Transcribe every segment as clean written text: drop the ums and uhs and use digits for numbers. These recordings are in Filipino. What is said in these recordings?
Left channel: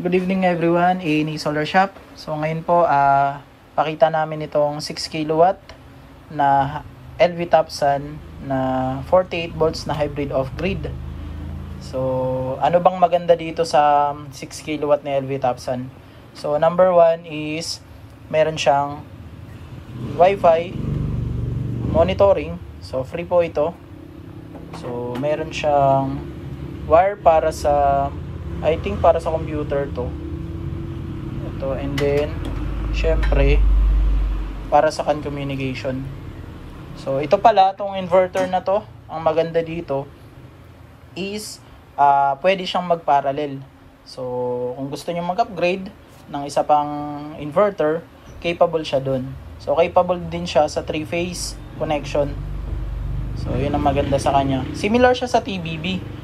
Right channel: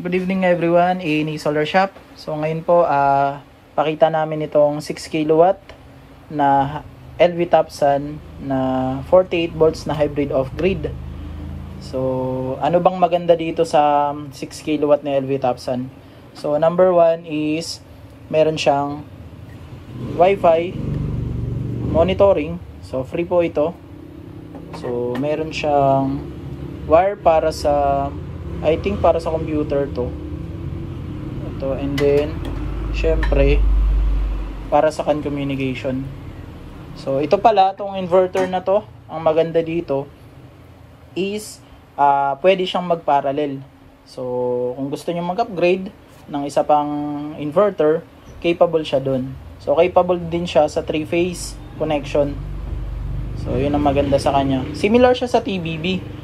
Good evening everyone, A&E Solar Shop. So ngayon po, pakita namin itong 6 kilowatt na LV Topsun na 48 volts na hybrid off-grid. So ano bang maganda dito sa 6 kilowatt na LV Topsun? So number 1 is meron siyang Wi-Fi monitoring. So free po ito. So meron siyang wire para sa, I think para sa computer to. And then syempre para sa CAN communication. So ito pala, itong inverter na to, ang maganda dito is pwede siyang mag-parallel. So kung gusto niyo mag-upgrade ng isa pang inverter, capable siya dun. So capable din siya sa 3-phase connection. So yun ang maganda sa kanya. Similar siya sa TBB.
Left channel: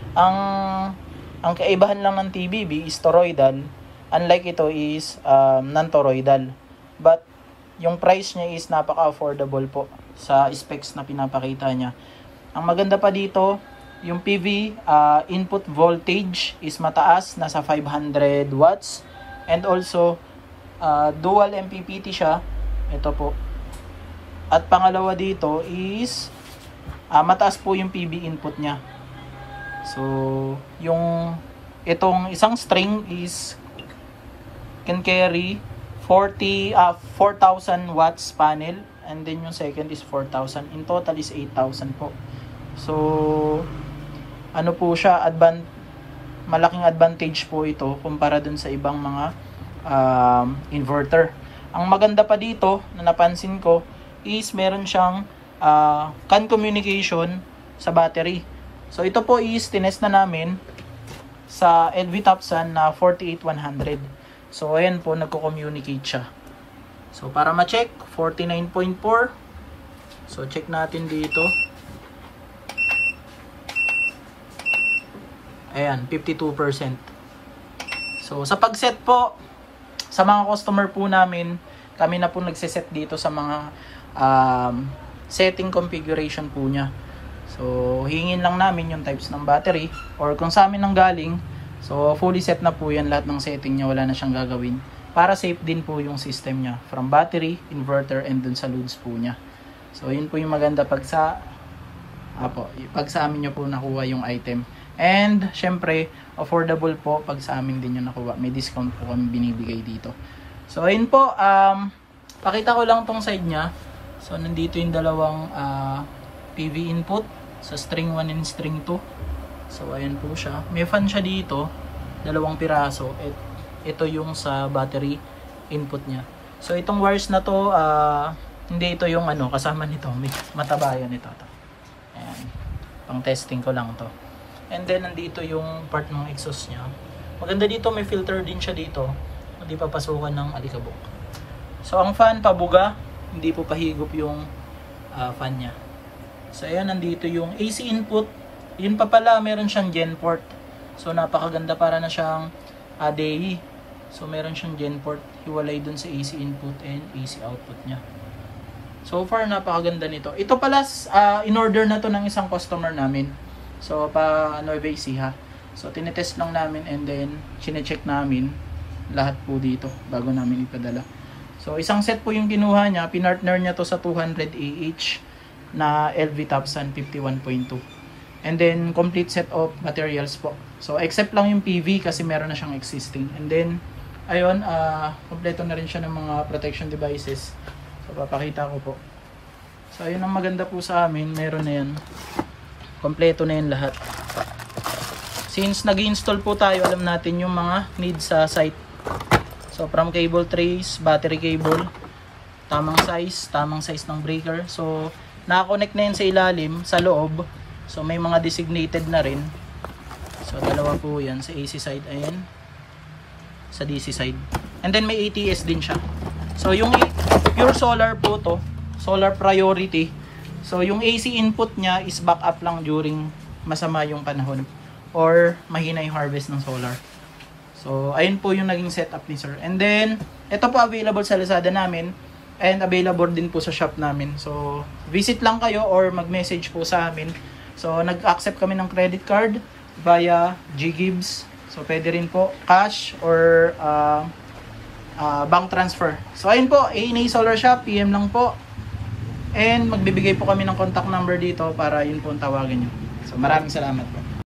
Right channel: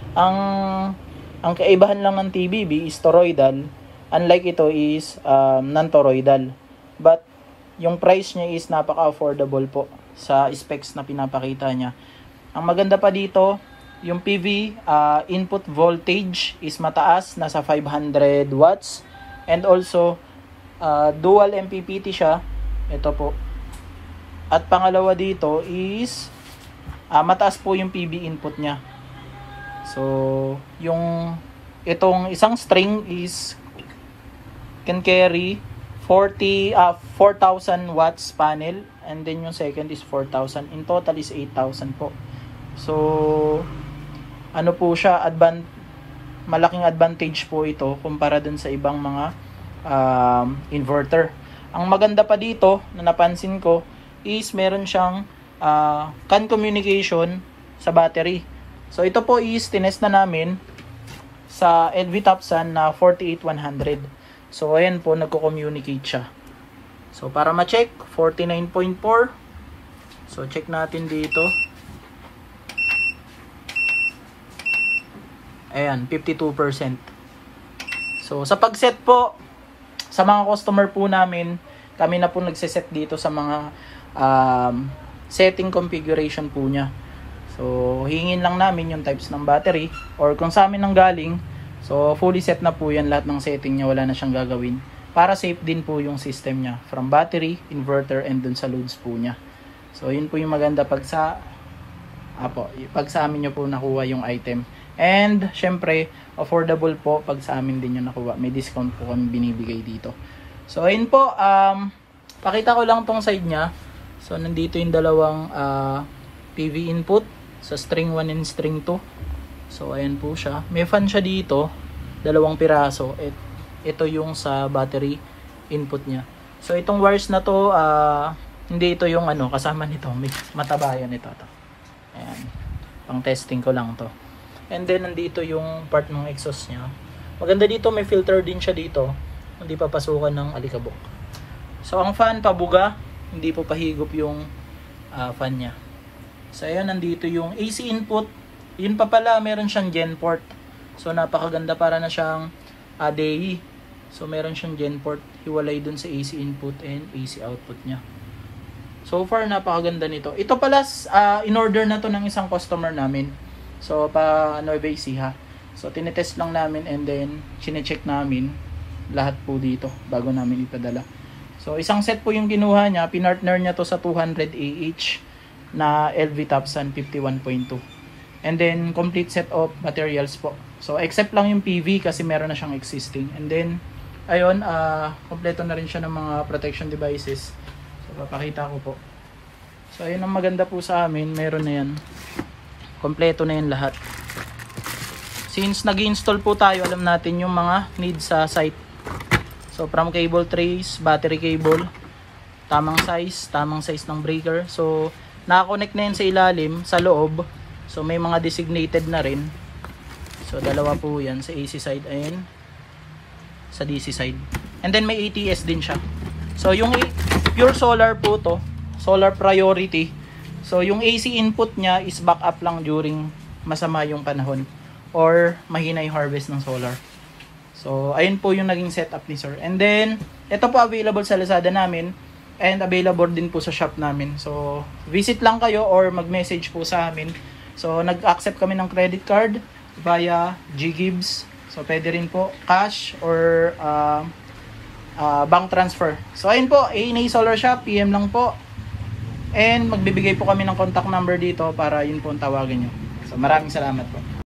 Ang kaibahan lang ng TBB is toroidal. Unlike ito is non-toroidal. But yung price niya is napaka-affordable po sa specs na pinapakita niya. Ang maganda pa dito, yung PV input voltage is mataas, nasa 500 watts. And also dual MPPT siya. Ito po. At pangalawa dito is mataas po yung PV input niya. So itong isang string is can carry 4,000 watts panel, and then yung second is 4,000. In total is 8,000 po. So ano po siya, malaking advantage po ito kumpara dun sa ibang mga inverter. Ang maganda pa dito na napansin ko is meron siyang CAN communication sa battery. So ito po is tinest na namin sa LV Topsun na 48100. So ayan po, nagko-communicate siya. So para ma-check, 49.4. So check natin dito. Ayan, 52%. So sa pag-set po sa mga customer po namin, kami na po nagse-set dito sa mga setting configuration po niya. So hingin lang namin yung types ng battery, or kung sa amin nang galing, so fully set na po yan, lahat ng setting niya, wala na siyang gagawin. Para safe din po yung system niya, from battery, inverter, and dun sa loads po niya. So yun po yung maganda pag sa amin nyo po nakuha yung item. And syempre affordable po pag sa amin din yung nakuha. May discount po kami binibigay dito. So ayun po, pakita ko lang tong side niya. So nandito yung dalawang PV input sa string 1 and string 2. So ayan po siya. May fan siya dito, dalawang piraso. Ito yung sa battery input niya. So itong wires na to, hindi ito yung kasama nito. Matabayan ito. Ayan. Pang testing ko lang to. And then nandito yung part ng exhaust niya. Maganda dito, may filter din siya dito. Hindi papasukan ng alikabok. So ang fan pabuga, hindi po pahigop yung fan niya. So ayan, nandito yung AC input. Yun pa pala, meron siyang gen port. So napakaganda, para na siyang DAI. So meron siyang gen port, hiwalay dun sa AC input and AC output niya. So far napakaganda nito. Ito pala in-order na to ng isang customer namin. So pa Nueva Ecija. So tinetest lang namin, and then sine-check namin lahat po dito bago namin ipadala. So isang set po yung kinuha niya, pinartner niya to sa 200 AH na LV Topsun 51.2. And then complete set of materials po. So except lang yung PV kasi meron na siyang existing. And then ayun, kompleto na rin siya ng mga protection devices. So papakita ko po. So ayun ang maganda po sa amin, meron na yan. Kompleto na yung lahat. Since nag-install po tayo, alam natin yung mga needs sa site. So from cable trays, battery cable, tamang size ng breaker. So naka-connect na yan sa ilalim, sa loob. So may mga designated na rin. So dalawa po yan, sa AC side and sa DC side. And then may ATS din siya. So yung pure solar po to, solar priority. So yung AC input niya is backup lang during masama yung panahon or mahina yung harvest ng solar. So ayun po yung naging setup ni sir. And then ito po available sa Lazada namin. And available din po sa shop namin. So visit lang kayo or mag-message po sa amin. So nag-accept kami ng credit card via GGives So, pwede rin po cash or bank transfer. So, ayun po, A&A Solar Shop, PM lang po. And magbibigay po kami ng contact number dito para yun po ang tawagin nyo. So, maraming salamat po.